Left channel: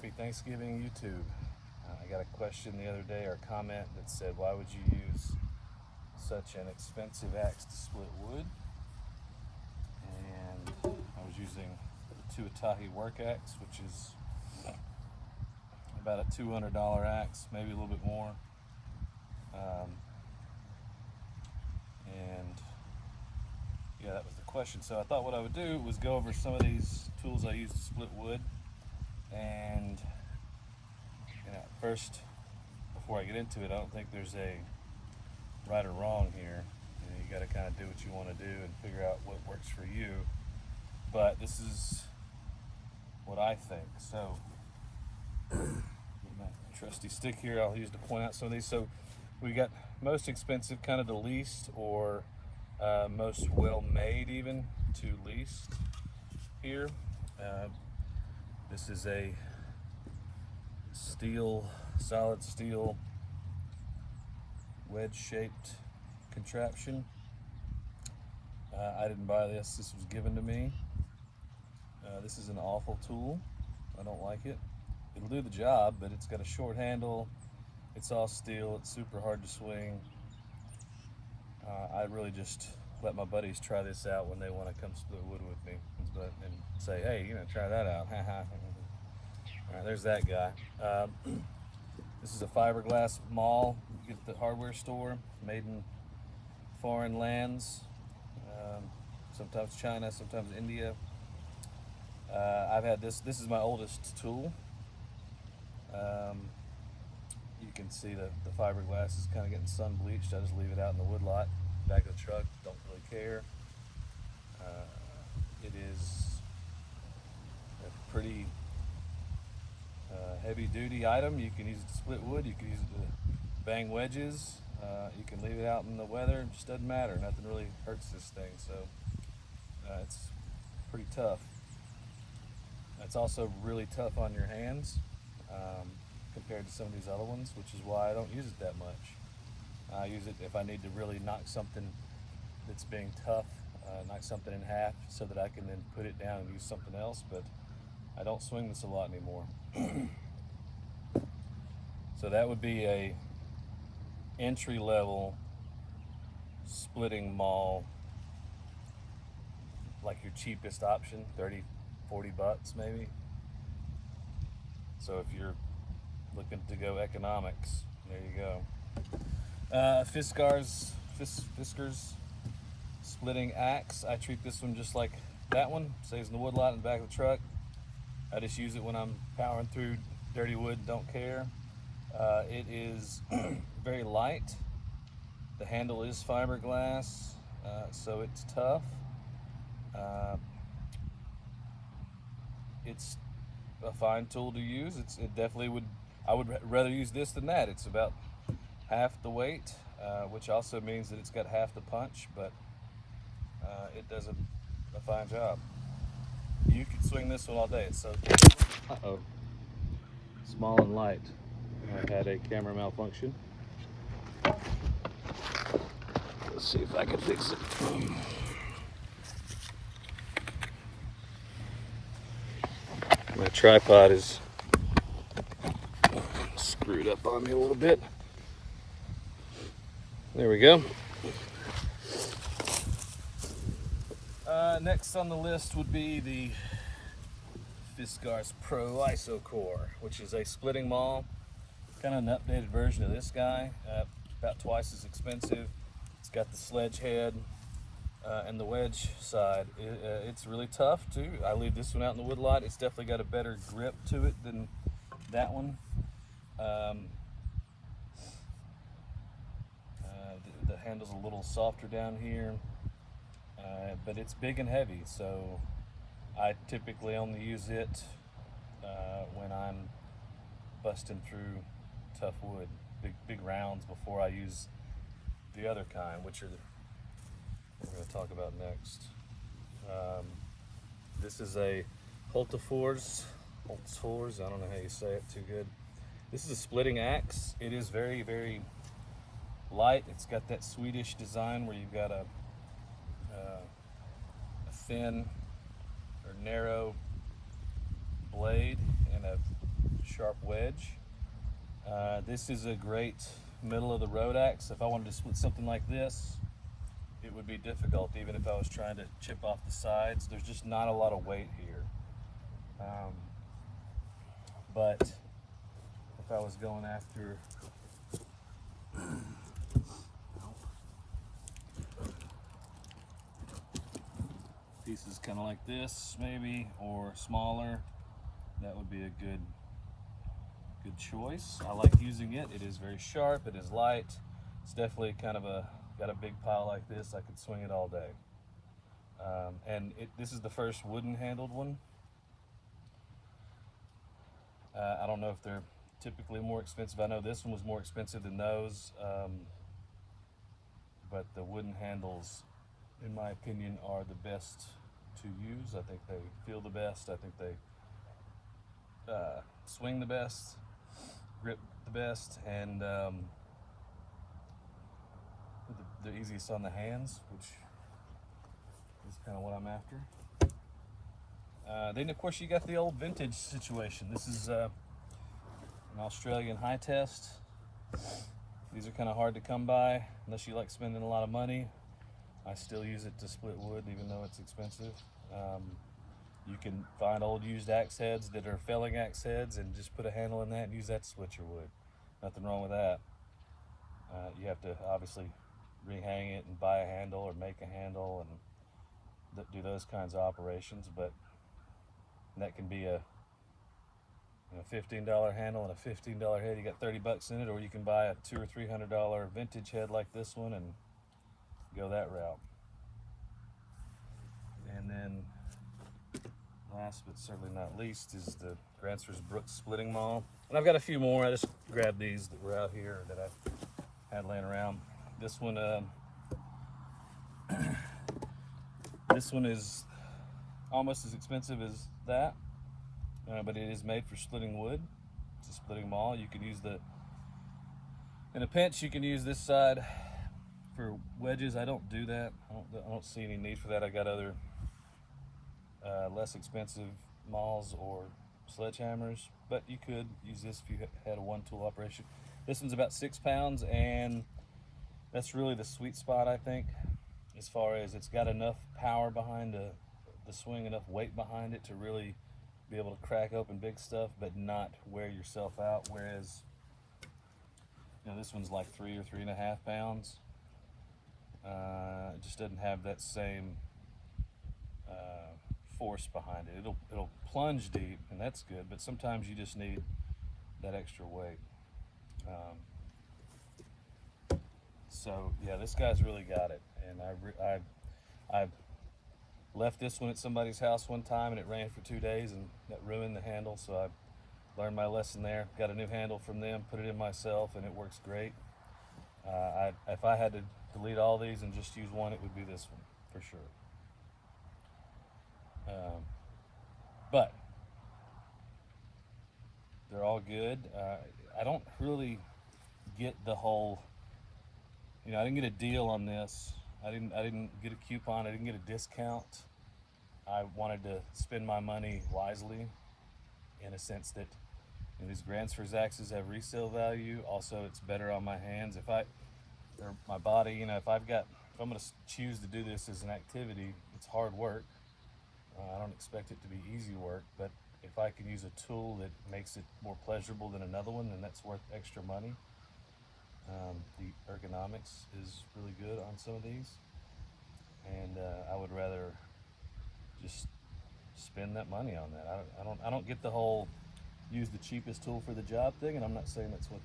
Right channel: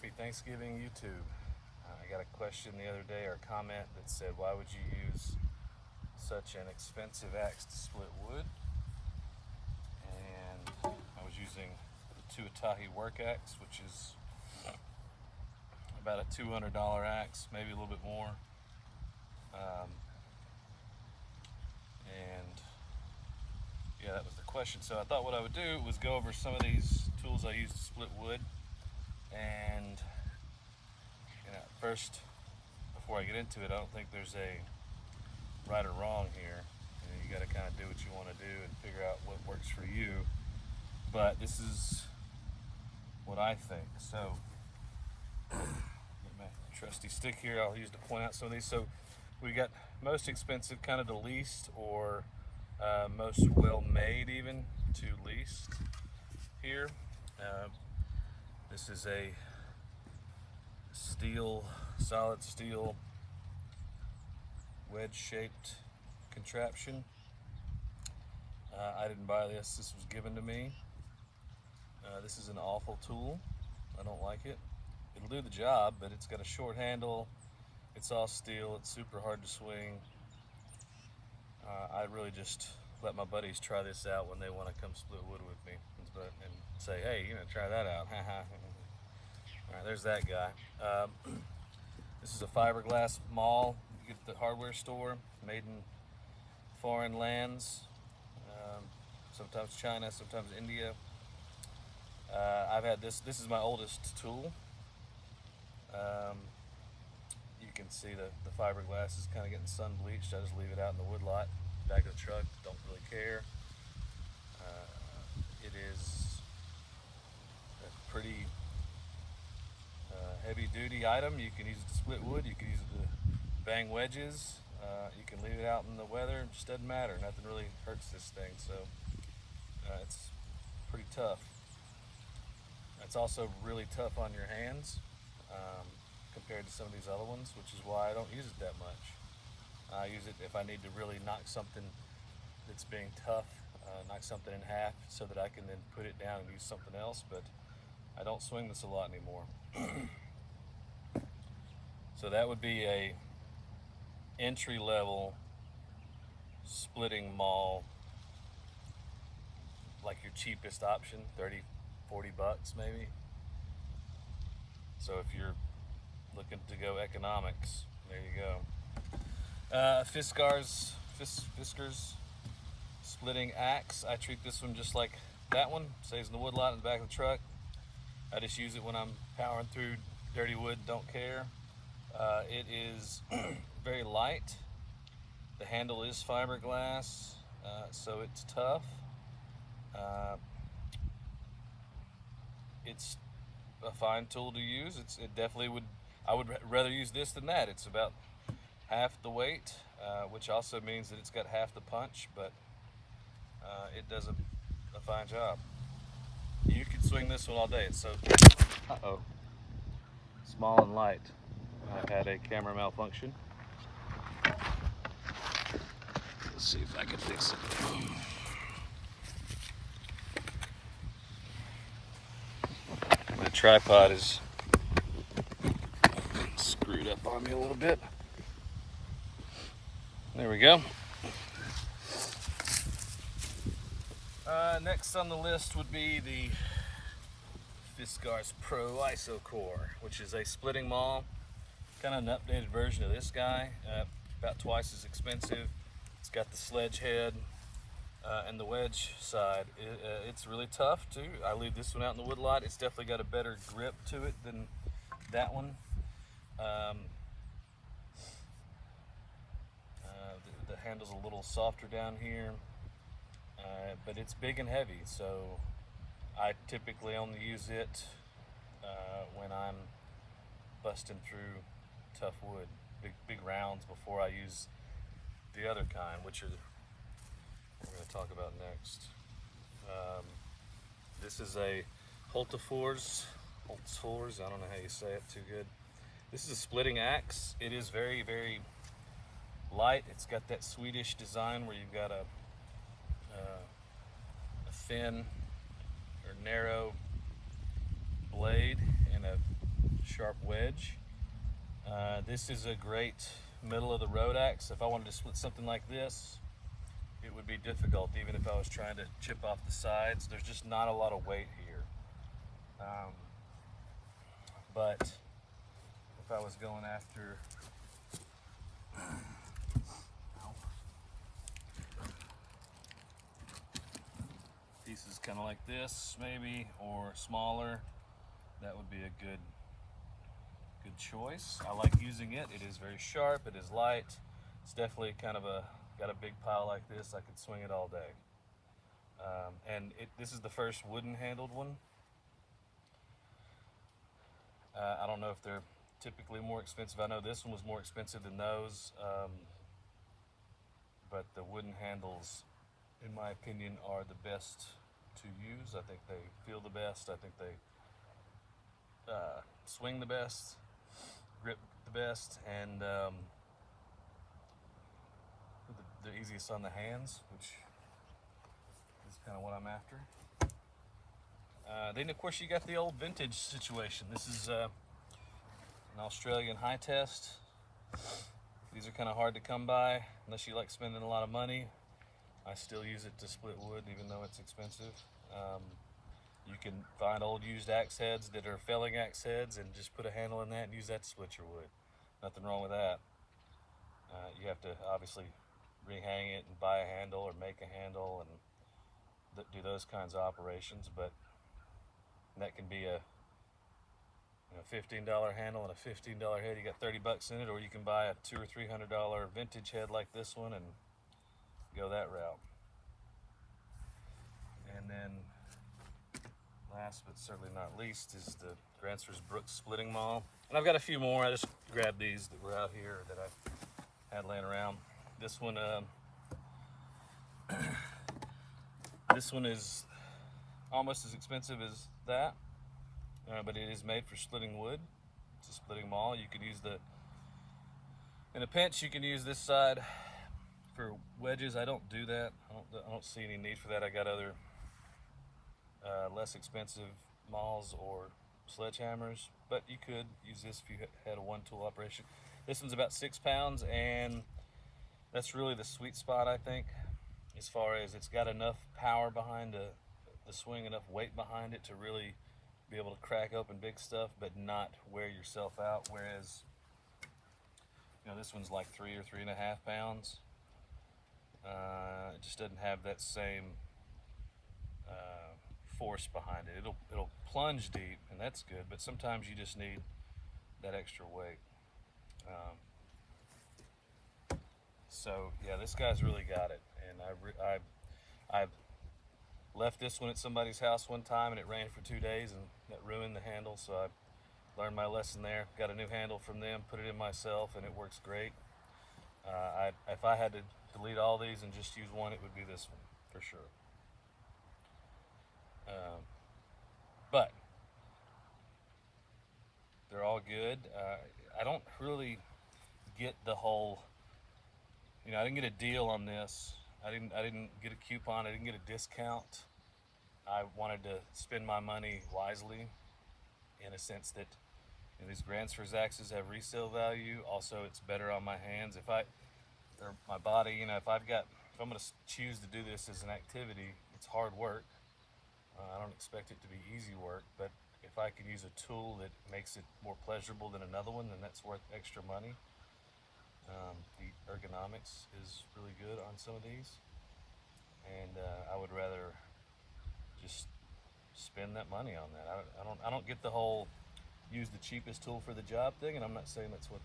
Happy Thanksgiving, YouTube. I got a question the other day, or a comment that said, why would you use such an expensive axe to split wood? And I was using the Tuatahi work axe, which is about a $200 axe, maybe a little bit more. And yeah, that was the question. So I thought what I would do was go over some of these tools I use to split wood. And first, before I get into it, I don't think there's a right or wrong here. You got to kind of do what you want to do and figure out what works for you. But this is what I think. So, my trusty stick here I'll use to point out some of these. So we got most expensive, kind of the least, or most well made even to least here. This is a solid steel wedge shaped contraption. I didn't buy this, this was given to me. This is an awful tool. I don't like it. It'll do the job, but it's got a short handle, it's all steel, it's super hard to swing. I really just let my buddies try this out when they want to come split wood with me and say, hey, try that out. Alright, there's that guy. This is a fiberglass Maul you get at the hardware store, made in foreign lands, sometimes China, sometimes India. I've had this is my oldest tool. You can see the fiberglass is kind of getting sun bleached. I just leave it out in the wood lot, back of the truck, don't really care. It is a pretty heavy duty item. You can use it to split wood, you can use it to bang wedges, you can leave it out in the weather, it just doesn't matter. Nothing really hurts this thing, so it's pretty tough. It's also really tough on your hands compared to some of these other ones, which is why I don't use it that much. I use it if I need to really knock something that's being tough, knock something in half so that I can then put it down and use something else, but I don't swing this a lot anymore. So that would be a entry-level splitting Maul, like your cheapest option, 30, 40 bucks maybe. So if you're looking to go economics, there you go. Fiskars splitting axe. I treat this one just like that one. Stays in the wood lot in the back of the truck. I just use it when I'm powering through dirty wood, don't care. It is very light. The handle is fiberglass, so it's tough. It's a fine tool to use. It definitely would. I would rather use this than that. It's about half the weight, which also means that it's got half the punch, but it does a fine job. You could swing this one all day. It's so small and light. I've had a camera malfunction. Let's see if I can fix it. My tripod is screwed up on me a little bit. There we go. Next on the list would be the Fiskars Pro ISO Core, which is a splitting Maul, kind of an updated version of this guy, about twice as expensive. It's got the sledge head and the wedge side. It's really tough too. I leave this one out in the wood lot. It's definitely got a better grip to it than that one. The handle's a little softer down here, but it's big and heavy, so I typically only use it when I'm busting through tough wood, big rounds, before I use the other kind, which are we're going to talk about next. This is a Holtefors, I don't know how you say it too good. This is a splitting axe. It is very, very light. It's got that Swedish design where you've got a thin or narrow blade and a sharp wedge. This is a great middle of the road axe. If I wanted to split something like this, it would be difficult even if I was trying to chip off the sides. There's just not a lot of weight here. But if I was going after pieces kind of like this maybe, or smaller, that would be a good choice. I like using it. It is very sharp, it is light. It's definitely kind of got a big pile like this, I could swing it all day. And this is the first wooden handled one. I don't know if they're typically more expensive. I know this one was more expensive than those, but the wooden handles, in my opinion, are the best to use. I think they feel the best. I think they swing the best, grip the best, and the easiest on the hands, which is kind of what I'm after. Then of course you got the old vintage situation. This is an Australian high test. These are kind of hard to come by unless you like spending a lot of money. I still use it to split wood even though it's expensive. You can find old used axe heads that are felling axe heads and just put a handle in that and use that to split your wood. Nothing wrong with that. You have to obviously rehang it and buy a handle or make a handle and do those kinds of operations, but that can be a $15 handle and a $15 head. You got 30 bucks in it, or you can buy a $200 or $300 vintage head like this one and go that route. And then last but certainly not least is the Gransfors Brooks splitting maul. And I've got a few more. I just grabbed these that were out here that I had laying around. This one this one is almost as expensive as that, but it is made for splitting wood. It's a splitting maul. You can use in a pinch, you can use this side for wedges. I don't do that. I don't see any need for that. I got other less expensive mauls or sledgehammers, but you could use this if you had a one-tool operation. This one's about 6 pounds, and that's really the sweet spot, I think, as far as it's got enough power behind the swing, enough weight behind it to really be able to crack open big stuff, but not wear yourself out. Whereas, this one's like 3 or 3.5 pounds. It just doesn't have that same force behind it. It'll plunge deep, and that's good, but sometimes you just need that extra weight. So yeah, this guy's really got it, and I left this one at somebody's house one time, and it rained for 2 days, and that ruined the handle. So I learned my lesson there. Got a new handle from them, put it in myself, and it works great. If I had to delete all these and just use one, it would be this one for sure. But they're all good. I don't really get the whole, I didn't get a deal on this. I didn't get a coupon. I didn't get a discount. I wanted to spend my money wisely, in a sense that these Gransfors axes have resale value. Also, it's better on my hands. Or my body, if I'm going to choose to do this as an activity, it's hard work. I don't expect it to be easy work, but if I can use a tool that makes it more pleasurable than another one, then that's worth extra money. The ergonomics is really good on some of these, and I would rather just spend that money on that. I don't get the whole use the cheapest tool for the job thing, and I'm not saying that's what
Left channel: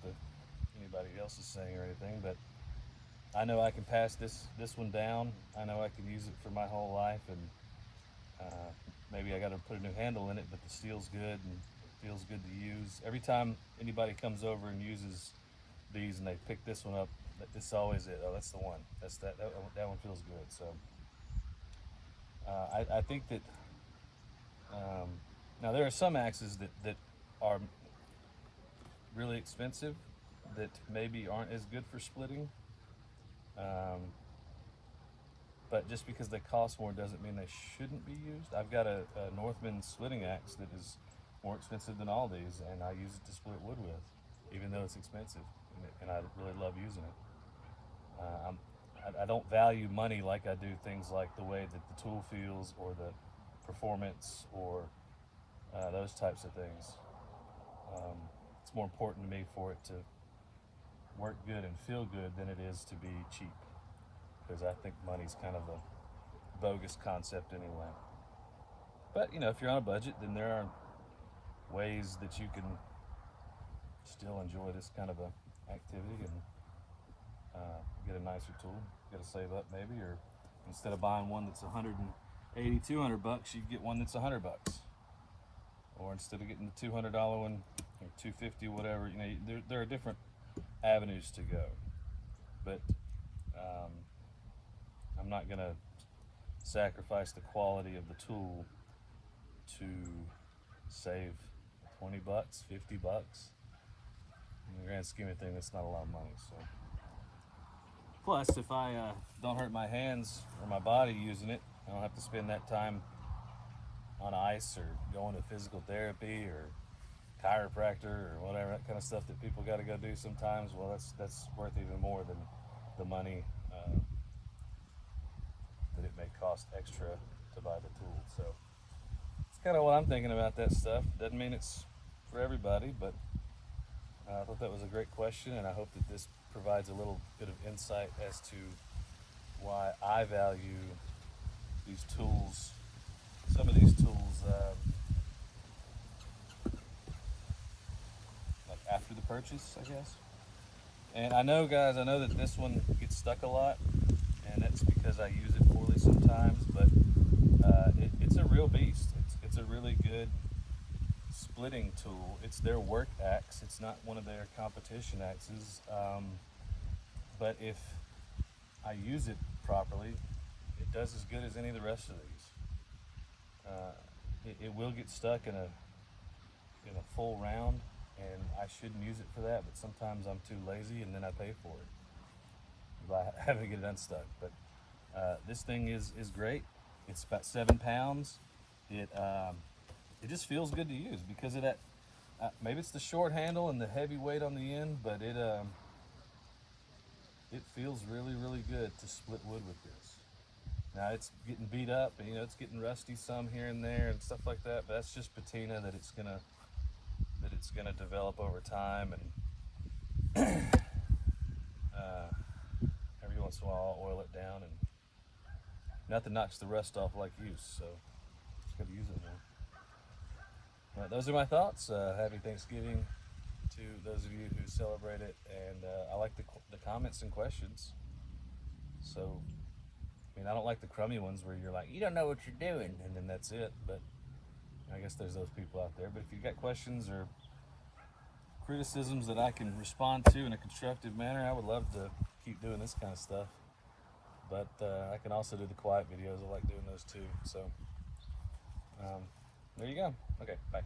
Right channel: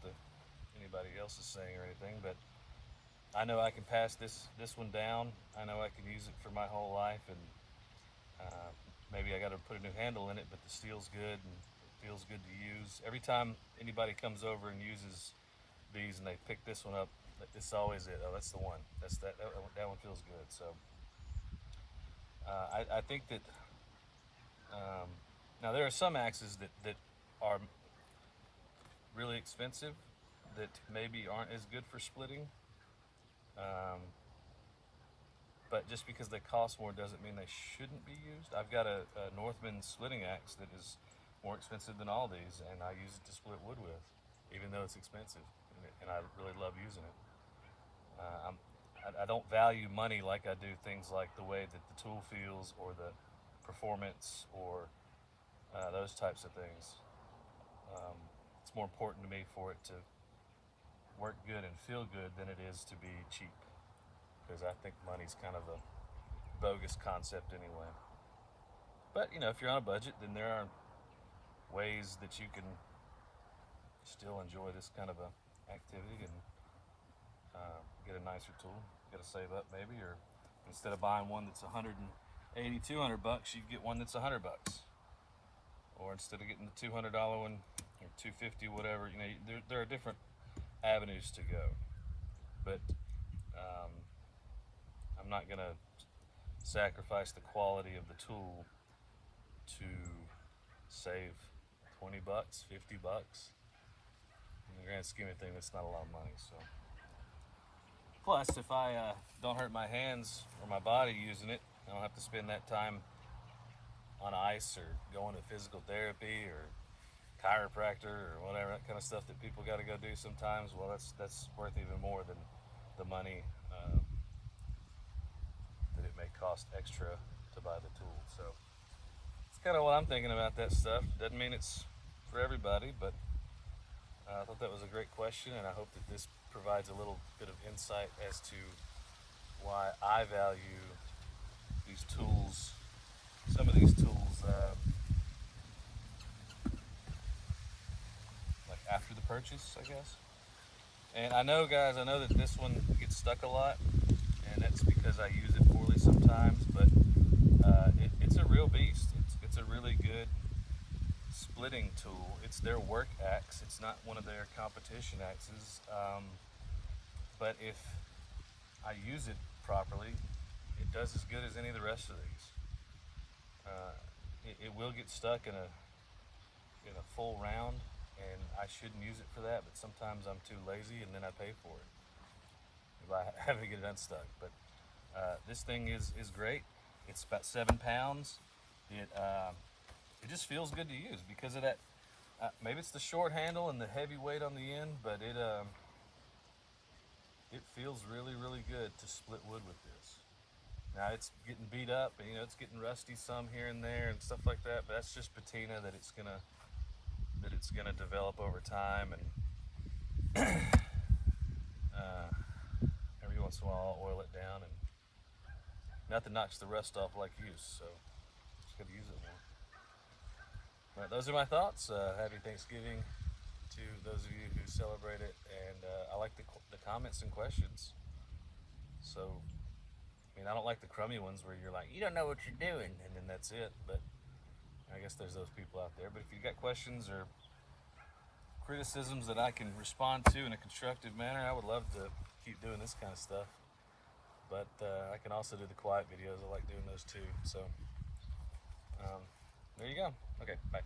anybody else is saying or anything, but I know I can pass this one down. I know I can use it for my whole life, and maybe I got to put a new handle in it, but the steel's good and it feels good to use. Every time anybody comes over and uses these and they pick this one up, it's always it. Oh, that's the one. That one feels good. So I think that now there are some axes that are really expensive that maybe aren't as good for splitting. But just because they cost more doesn't mean they shouldn't be used. I've got a Northman splitting axe that is more expensive than Aldi's, and I use it to split wood with, even though it's expensive, and I really love using it. I don't value money like I do things like the way that the tool feels or the performance or those types of things. It's more important to me for it to work good and feel good than it is to be cheap, because I think money's kind of a bogus concept anyway. But you know, if you're on a budget, then there are ways that you can still enjoy this kind of a activity and get a nicer tool. You gotta save up maybe, or instead of buying one that's 180, 200 bucks, you get one that's 100 bucks. Or instead of getting the $200 one or 250, whatever, you know, there are different avenues to go. But I'm not gonna sacrifice the quality of the tool to save 20 bucks, 50 bucks. In the grand scheme of things, that's not a lot of money. So, plus, if I don't hurt my hands or my body using it, I don't have to spend that time on ice or going to physical therapy or chiropractor or whatever, that kind of stuff that people got to go do sometimes. Well, that's worth even more than the money that it may cost extra to buy the tool. So it's kind of what I'm thinking about that stuff. Doesn't mean it's for everybody, but I thought that was a great question, and I hope that this provides a little bit of insight as to why I value these tools, some of these tools, like after the purchase, I guess. And I know, guys, I know that this one gets stuck a lot, and that's because I use it poorly sometimes, but it's a real beast. It's a really good splitting tool. It's their work axe. It's not one of their competition axes. But if I use it properly, it does as good as any of the rest of these. It will get stuck in a full round, and I shouldn't use it for that, but sometimes I'm too lazy and then I pay for it by having to get it unstuck. But this thing is great. It's about 7 pounds. It just feels good to use because of that. Maybe it's the short handle and the heavy weight on the end, but it feels really, really good to split wood with this. Now it's getting beat up, and it's getting rusty some here and there and stuff like that. But that's just patina that it's gonna develop over time, and every once in a while I'll oil it down, and nothing knocks the rust off like use. So just gotta use it more. All right, those are my thoughts. Happy Thanksgiving to those of you who celebrate it, and I like the comments and questions. So, I mean, I don't like the crummy ones where you're like, you don't know what you're doing, and then that's it. But I guess there's those people out there. But if you've got questions or criticisms that I can respond to in a constructive manner, I would love to keep doing this kind of stuff. But I can also do the quiet videos. I like doing those too. So there you go. Okay, bye.